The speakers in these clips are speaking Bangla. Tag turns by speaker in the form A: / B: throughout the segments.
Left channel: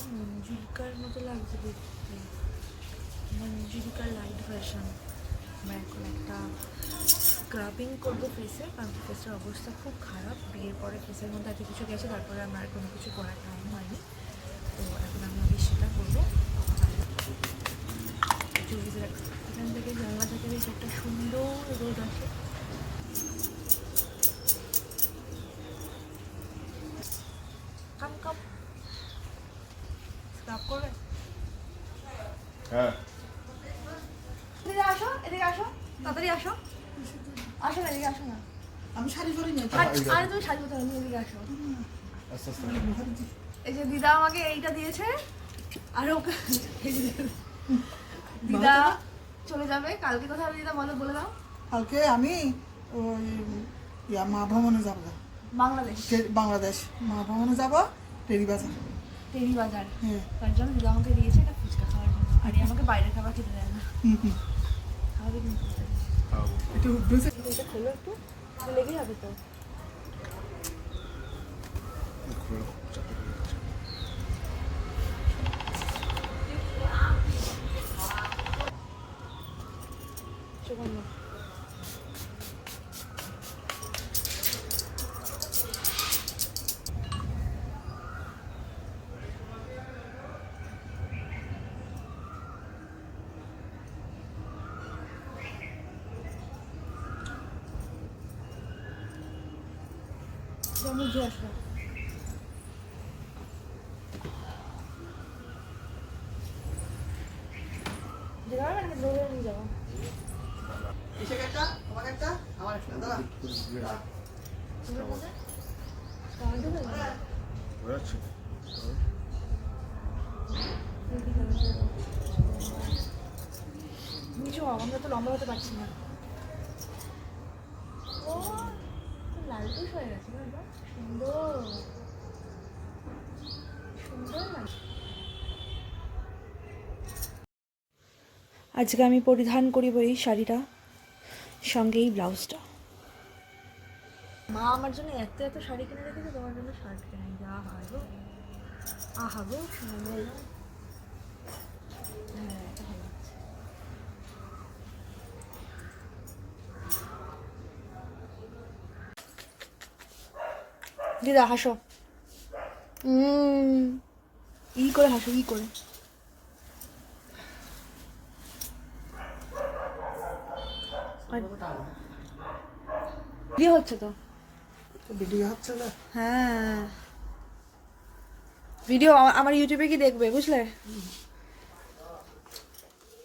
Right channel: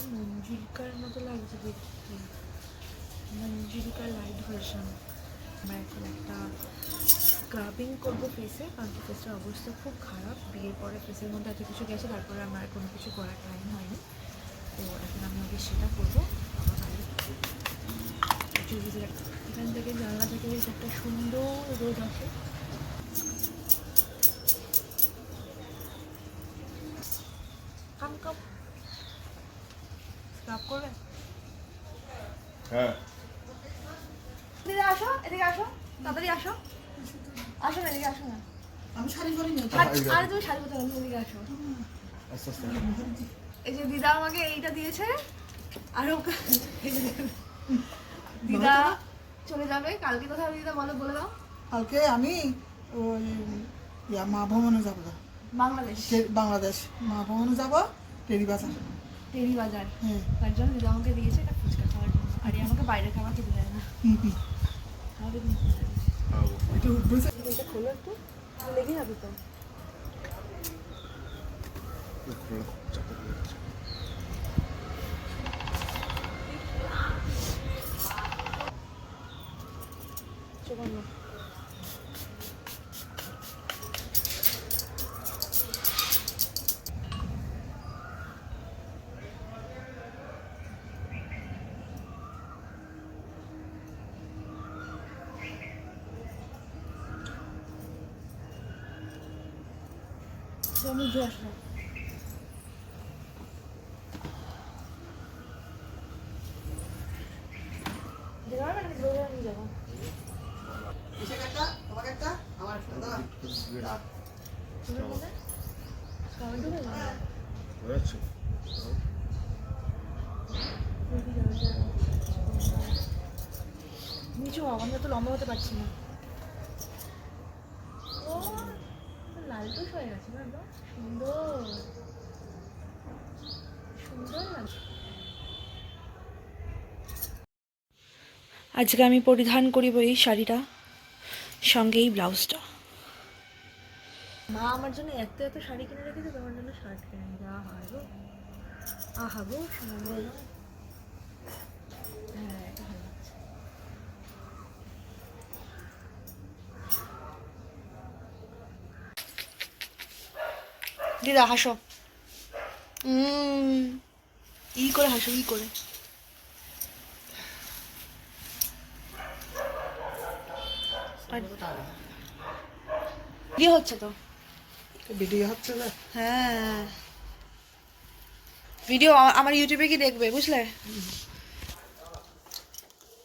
A: পুরো মঞ্জুরিকার মতো লাগছে দেখতে। মঞ্জুরিকার লাইট ভার্সন আমরা এখন একটা স্ক্রাবিং করব ফেসে কারণ ফেসের অবস্থা খুব খারাপ। বিয়ের পরে ফেসের মধ্যে এত কিছু গেছে, তারপরে আমার কোনো কিছু করার টাইম হয়নি। তো এখন আমি আগে সেটা করব। এখান থেকে জানলা থেকে বেশ একটা সুন্দর রোদ আসে কাম কাম স্ক্রাব
B: হ্যাঁ।
A: এদিকে আসো এদিকে আসো তাড়াতাড়ি আসো। আসো না এদিকে আসো না।
C: আমি শাড়ি পরি না
A: আর আর তুমি শাড়ি পরতে হবে এদিকে আসো।
B: আস্তে আস্তে
A: এই যে দিদা আমাকে এইটা দিয়েছে আর ওকে দিদা। চলে যাবে কালকে হবে দিদা বলো বলে দাও।
C: কালকে আমি ওই মা ভ্রমণে যাব
A: বাংলাদেশ।
C: বাংলাদেশ মা ভ্রমণে যাব টেরি বাজার।
A: টেরি বাজার।
C: হ্যাঁ।
A: তার জন্য দিদা আমাকে দিয়েছে একটা ফুচকা খাওয়ার জন্য। আর আমাকে বাইরের খাবার খেতে দেয় না। খাওয়াবে তুমি এটা খোলো একটু। লেগে যাবে তো
B: খুলে চাপে হয়ে গেছে
A: চোখ বন্ধ যেমন জুয়ে আসলাম যাওয়া না দৌড়ে নিয়ে যাব তোমরা বলে কামেন্ট হবে না নিচু আমরা তো লম্বা হতে পারছি না ও লালটুস হয়ে গেছে একদম সুন্দর। সুন্দর লাগছে আজকে আমি পরিধান করিব এই শাড়িটা সঙ্গে এই ব্লাউজটা। মা আমার জন্য এত এত শাড়ি কিনে রেখেছে তোমার জন্য শার্ট কিনে যা হয় গো আহা গো সুন্দর। হ্যাঁ এটা ভালো লাগছে দিদা হাসো। ই করে হাসো ই করে। ইয়ে হচ্ছে তো।
C: ভিডিও হচ্ছে না?
A: হ্যাঁ। ভিডিও আমার ইউটিউবে কি দেখবে বুঝলে?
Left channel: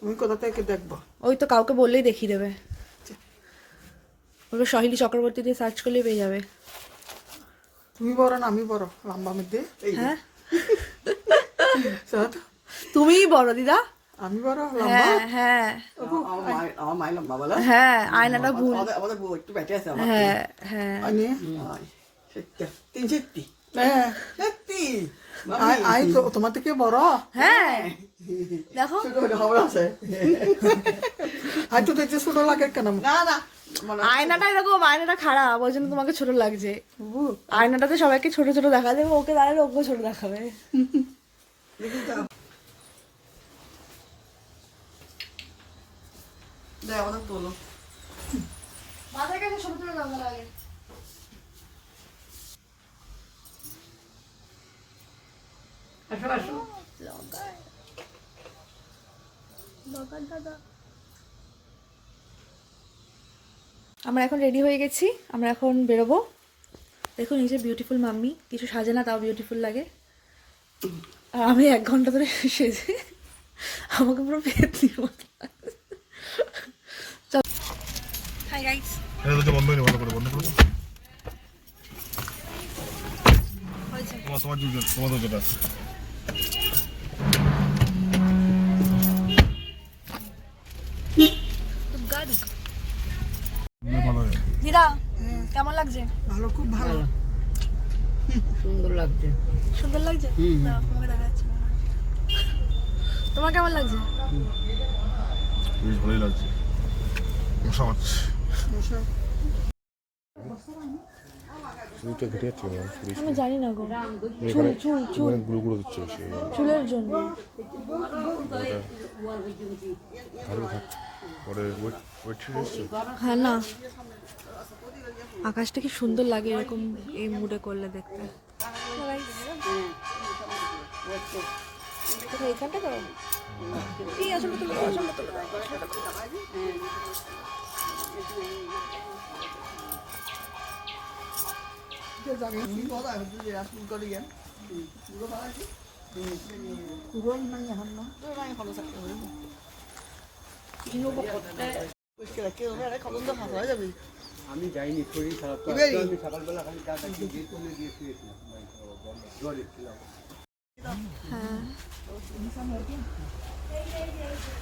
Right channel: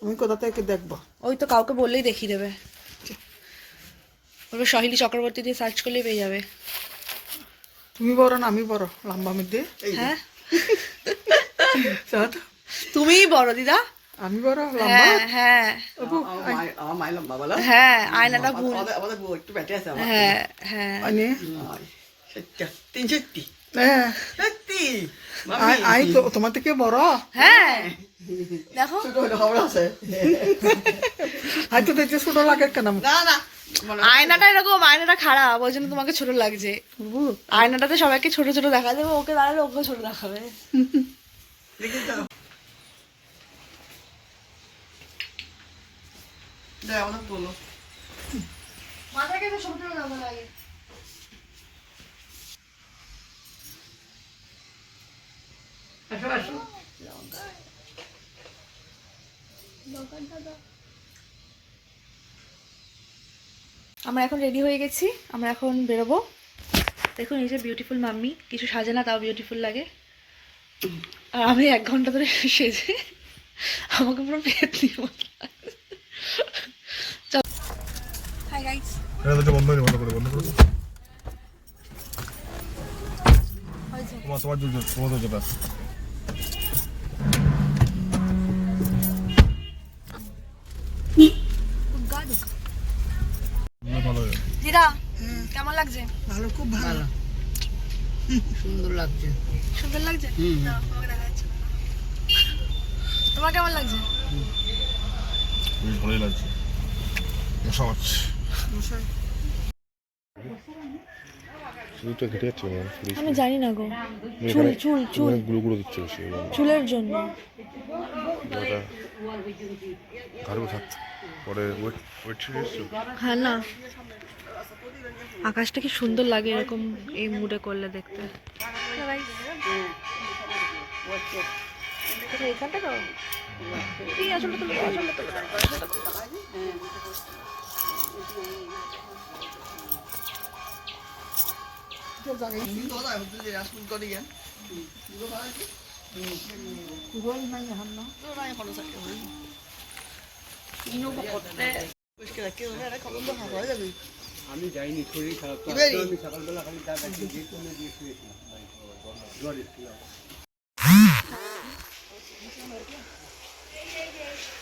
C: আমি কোথা থেকে দেখব?
A: ওই তো কাউকে বললেই দেখিয়ে দেবে। বলবে সহিলি চক্রবর্তী দিয়ে সার্চ করলেই পেয়ে যাবে।
C: তুমি বড় না আমি বড়। লম্বা মধ্যে।
A: হ্যাঁ। তুমিই বড় দিদা।
C: আমি বড় লম্বা?
A: হ্যাঁ হ্যাঁ।
D: আমার মায়ের লম্বা বলো।
A: হ্যাঁ আয়নাটা ভুল
D: আমাদের বউ একটু বেটে আছে
A: হ্যাঁ হ্যাঁ।
D: তিন সত্যি
C: হ্যাঁ।
D: সত্যি
C: আই- আই তো তোমার থেকে বড়।
A: হ্যাঁ। দেখো।
D: ছোট ছোট আছে।
C: আই তো দেখতে ছোট লাগে কেন
D: না না।
A: আয়নাটা এরকম আয়নাটা খারাপ ওই জন্য তোমাকে ছোট লাগছে। আয়নাটাতে সবাইকে ছোট ছোট দেখা যাবে ওকে দাঁড়ালে ওকে ছোট দেখাবে।
D: দেখি তো দাও আমাদের তোলো
A: মাথায় কাছে ছোট ছোট দেখা লাগে
D: আসো আসো
A: আমরা এখন রেডি হয়ে গেছি আমরা এখন বেরোবো। দেখুন এই যে বিউটিফুল মাম্মি কিছু সাজে না তাও বিউটিফুল লাগে। আর আমি এক ঘণ্টা ধরে সেজে আমাকে পুরো পেতনি হাই গাইস
B: হ্যাঁ বন্ধ বন্ধ করে বন্ধ করে তোমার তোমার দুজন তোমার
A: লাগছে?
C: ভালো খুব ভালো।
D: সুন্দর লাগছে।
A: সুন্দর লাগছে? দেখা যাচ্ছে তোমার কেমন লাগছে?
B: বেশ ভালোই লাগছে। মশা মারছে
C: মশাই
B: সে যাচ্ছে
A: আমি জানি না গো। চুল চুল চুল।
B: গুলো গুলো দিচ্ছে
A: চুলের জন্য।
B: ওটা ঘাড়ে থাক। পরে ওয়েট ওয়েট।
A: হ্যাঁ না। আকাশটা কি সুন্দর লাগে এরকম এই মুডে করলে দেখতে। কোথায় তো? এই আসলটা তুলে দাও, তুলে। দাও, আসলটা তুলে দাও।
C: গই নাই এখন না
E: আমি যাইনি শরীর খারাপ তো আমি সকালবেলা খালি দিয়ে কমে দিয়ে শুয়েছি। জ্বর এসেছিল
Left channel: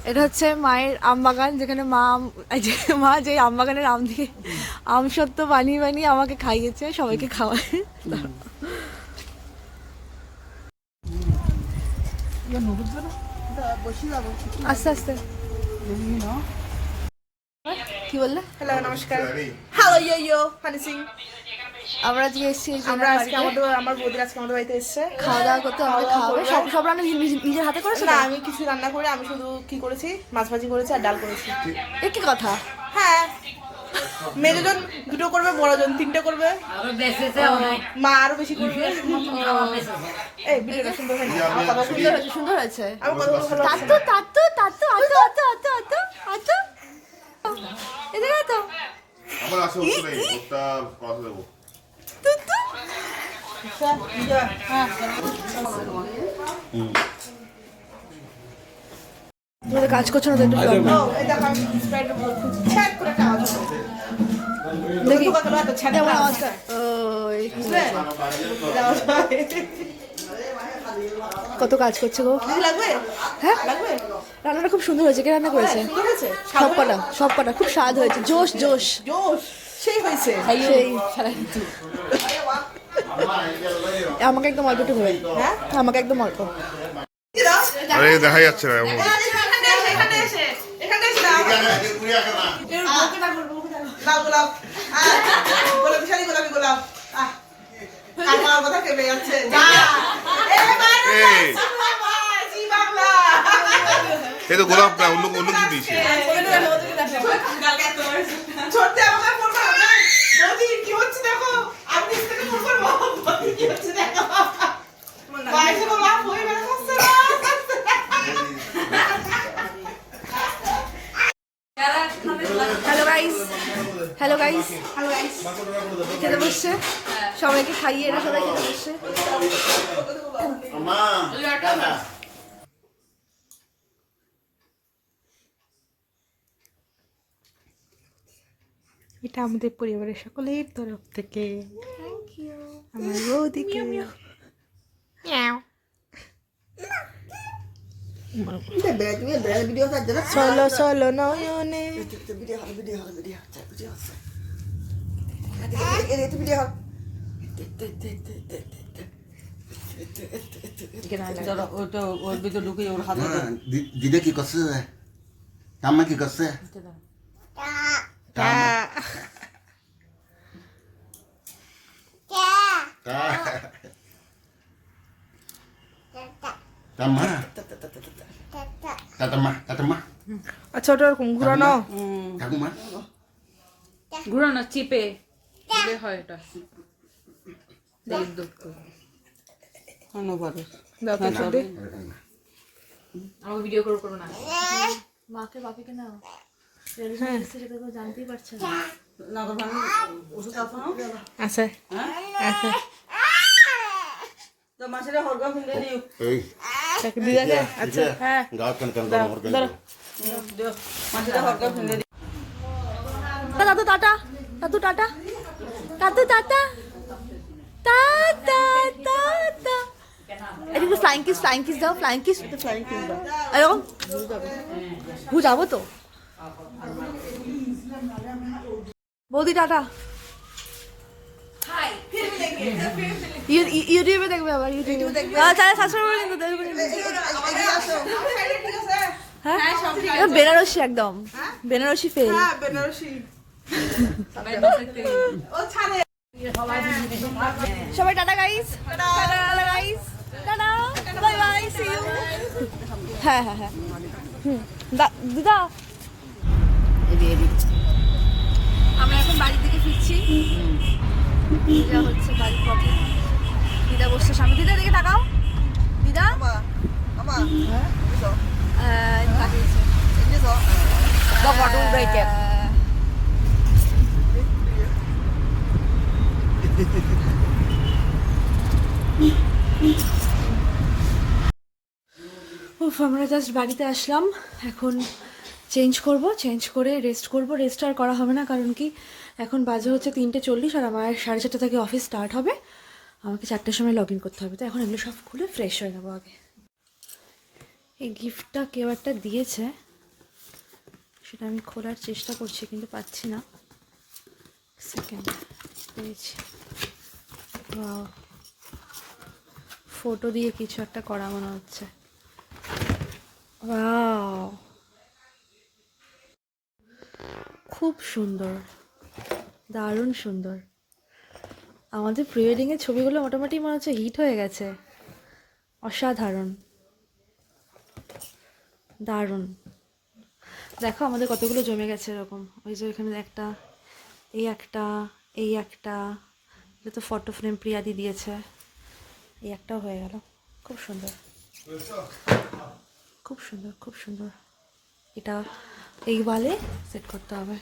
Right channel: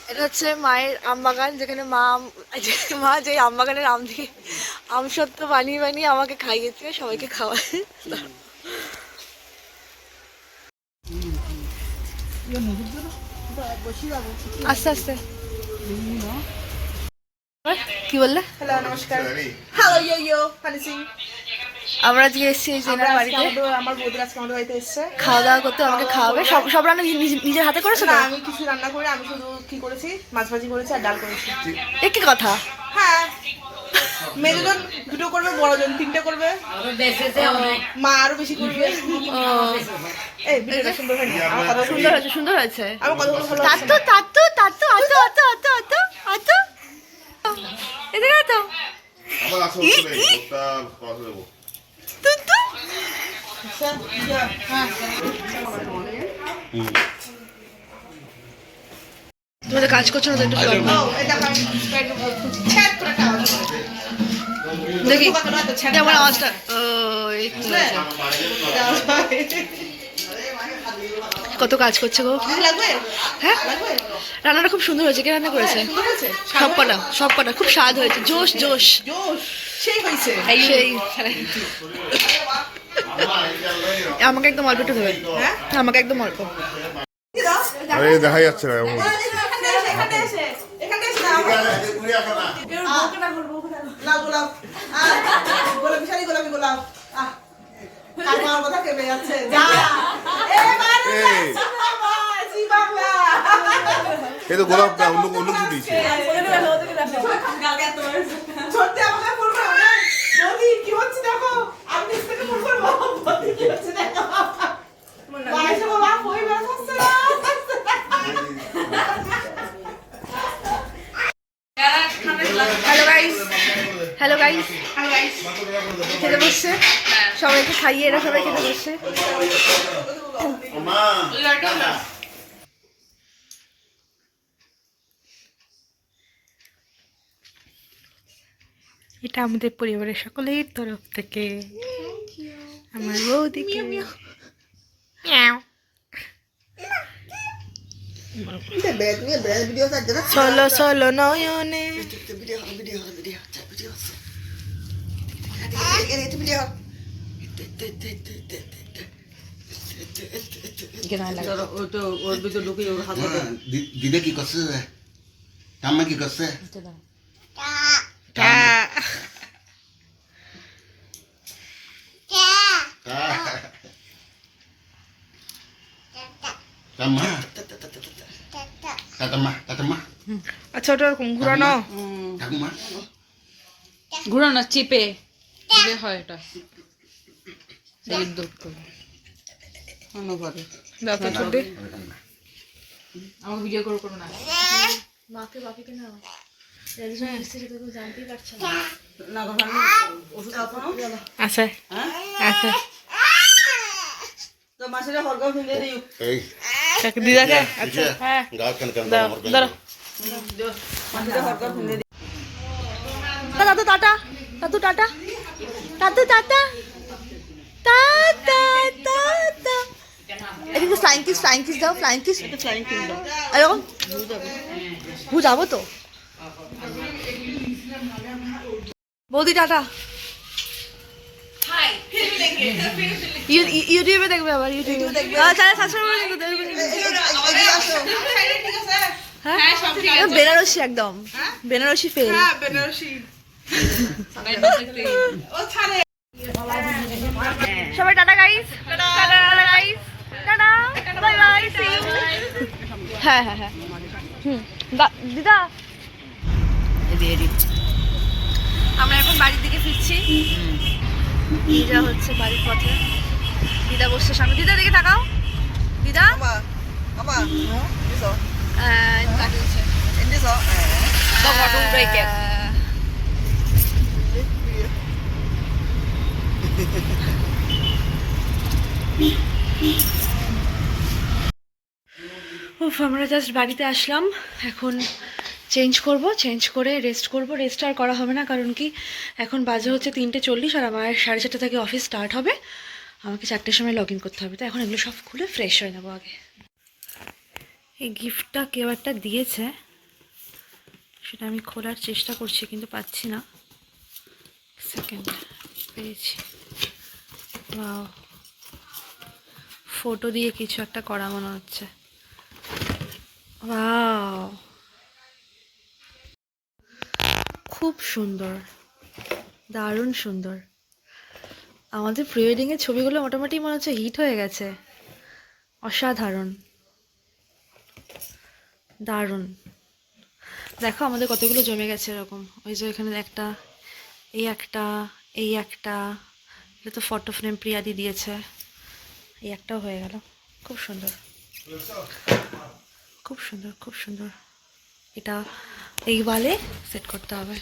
A: এটা হচ্ছে মায়ের আম বাগান যেখানে মা মা যে আম বাগানের আম দিয়ে আম সত্য বানিয়ে বানিয়ে আমাকে খাইয়েছে সবাইকে খাওয়ায়
C: বসি
A: আস্তে আস্তে। কি বললে?
C: হ্যালো নমস্কার। হ্যালো ইয়ো ইয়ো হানি সিং
A: আমরা আজকে এসেছি জেনার বাড়িতে।
C: আমার বৌদির আজকে আমাদের বাড়িতে এসছে।
A: খাওয়া দাওয়া করতে আমাকে খাওয়াবে। সব সব রান্না নিজ- নিজ- নিজের হাতে করেছ
C: না আমি কিছু রান্না করে আমি শুধু কি করেছি? মাছ ভাজি করেছি আর ডাল করেছি।
A: এ কি কথা?
C: হ্যাঁ। মেয়েজন দুটো করবে বড়জন তিনটে করবে। মা আরও বেশি করবে এই ভিডিওটা সুন্দর হয়নি
A: সুন্দর হয়েছে সুন্দর হয়েছে।
C: আমার কথা ভালো
A: তাতু তাতু তাতু আতু আতু আতু আতু আতু এদিকে
C: হ্যাঁ
A: তোমাদের কাজ করছ না তো একটু
C: দেখো
A: আমার আওয়াজটা তো। কত কাজ করছে গো? হ্যাঁ? রান্নাটা খুব সুন্দর হয়েছে কে রান্না করেছে? সব কটা সব কটা খুব স্বাদ হয়েছে জোশ জোশ।
C: সেই হয়েছে।
A: সেই। আমাকে একদম অল্প একটু
C: হ্যাঁ?
A: আমাকে একদম অল্প।
B: আরে দেখা যাচ্ছে না
C: গোলাপ হ্যাঁ গোলাপি গোলাপি গোলাপ। আমার কথা কেঁপে যাচ্ছে যা
B: এই
C: জি বাংলা
B: এই তো গোলাপ না অন্য অন্য কিছু দিয়েছে
A: হ্যালো গাইস হ্যালো গাইস খেতে বসছে সবাইকে খাইয়ে এরা সবাই খেতে বসছে এটা আমাদের পরিবারের সকলের তরফ থেকে। আমার বৌদিকে। চলো চলো নয়নে।
E: দিদে কি করছে কি করছে
C: আচ্ছা ওটা ওরকম ঘুরানো
E: ঠাকুমা।
F: ঘুরানো চিপে হয় এটা। আমার ভিডিও করে করো না।
A: মাকে বাপিকে নাও। রেডিশন এসছে সেটা তো জানতেই পারছে না।
B: এই।
C: কাকে দিদাকে?
B: গাও কেন কেন
C: দাও দাঁড়া
A: দাদু টাটা। দাদু টাটা। টাটা টাটা টাটা এদিকে ফ্লাইং কিস ফ্লাইং কিস দাও ফ্লাইং কিস এরকম ভু যাব তো বৌদি টাটা ইউ- ইউ- ইউটিউবে দেখবে আবার ইউটিউবে সাবস্ক্রাইব করে কিন্তু দেখবে হ্যাঁ বেনারসি একদম বেনারসি ফেল
C: হ্যাঁ বেনারসি ও ছাড়ে
A: সবাই tata guys tata. Guys tata. Bye bye see you হ্যাঁ হ্যাঁ হ্যাঁ। হুম। দিদা। আমরা এখন বাড়ির দিকে ফিরছি। দিদা হচ্ছে বাড়ির পথে। দিদা বসছে সামনে। দিদা দিকে তাকাও। দিদা? আহ, তাকিয়েছে আহ, উফ, আমরা জাস্ট বাড়িতে আসলাম। এখন চেঞ্জ করব চেঞ্জ করে রেস্ট করব। রেস্ট আর করা হবে না, কারণ কি এখন বাজে হচ্ছে তিনটে চল্লিশ আর আমার সাড়ে চারটে থেকে অফিস স্টার্ট হবে। আমাকে চারটের সময় লগ ইন করতে হবে। তো এখন এগুলো সব খুলে ফ্রেশ হয়ে নেব আগে। এই গিফটটা কেউ একটা দিয়েছে। সেটা আমি খোলার চেষ্টা করছি, কিন্তু পাচ্ছি না। সেকেন্ড পেয়েছি। বাও ফটো দিয়ে কিছু একটা করা মনে হচ্ছে। ওয়াও খুব সুন্দর। দারুণ সুন্দর। আমাদের প্রি ওয়েডিংয়ের ছবিগুলো মোটামুটি মনে হচ্ছে হিট হয়ে গেছে। অসাধারণ। দারুণ। দেখো আমাদের কতগুলো জমে গেছে এরকম। ওই যে এখানে একটা, এই একটা এই একটা এটা তো ফটো ফ্রেম প্রিয়াদি দিয়েছে এই একটাও হয়ে গেল খুব সুন্দর খুব সুন্দর খুব সুন্দর এটা এই ওয়ালে সেট করতে হবে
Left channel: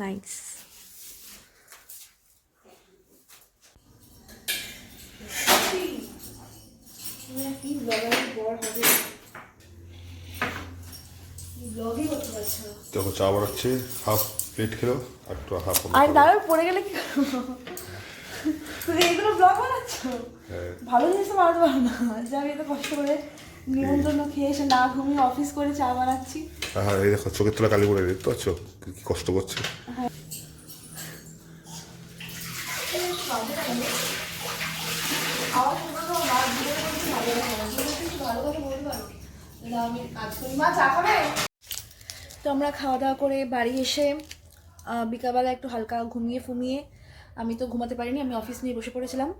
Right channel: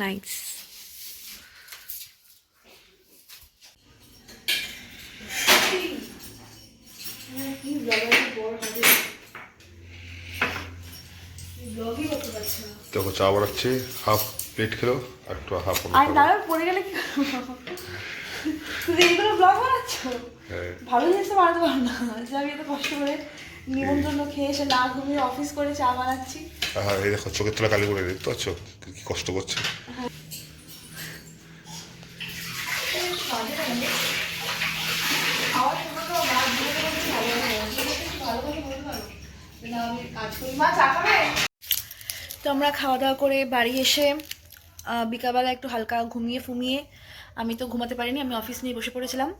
A: নাইস
B: দেখো চা বানাচ্ছে হাফ প্লেট খেলো আর একটু হাফ
A: আর দাঁড়াও পড়ে গেলে কি? তুমি এইগুলো ব্লগ বানাচ্ছ?
B: হ্যাঁ।
A: ভালো জিনিস তো বানাতে পারো না। যে আমি এত কষ্ট করে নিমন্ত্রণ খেয়ে এসে না ঘুমিয়ে অফিস করে চা বানাচ্ছি।
B: আর এই দেখো চোখের তলা কালি করে দেখতে পাচ্ছ? কি কষ্ট করছে
A: তো আমরা খাওয়া দাওয়া করে বাড়ি এসে বিকালবেলা একটু হালকা ঘুমিয়ে ফুমিয়ে আমি তো ঘুমাতে পারিনি, আমি অফিস নিয়ে বসে পড়েছিলাম।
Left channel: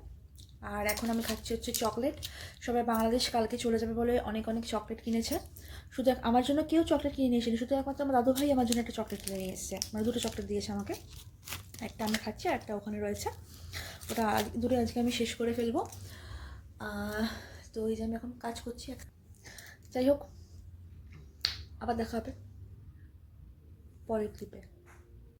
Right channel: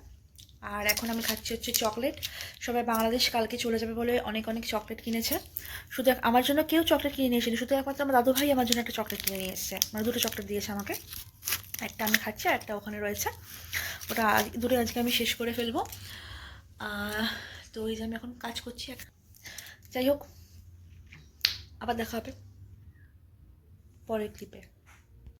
A: আর এখন আমি খাচ্ছি হচ্ছে চকলেট। সবাই বাংলাদেশ কালকে চলে যাবে বলে অনেক অনেক চকলেট কিনেছে। শুধু আমার জন্য কেউ চকলেট কিনে নিয়ে এসেনি, শুধু একমাত্র আমার দাদু ভাই আমার জন্য একটা চকলেট কিনে নিয়ে এসেছে। মানে দুটো চকলেট দিয়েছে আমাকে। একটা আমি খাচ্ছি আর একটা ওখানে রয়েছে। ওটা দুটো আজকে আমি শেষ করে ফেলব। তো এই যে আমি এখন কাজ করছি যাই হোক, আবার দেখা হবে। পরের ক্লিপে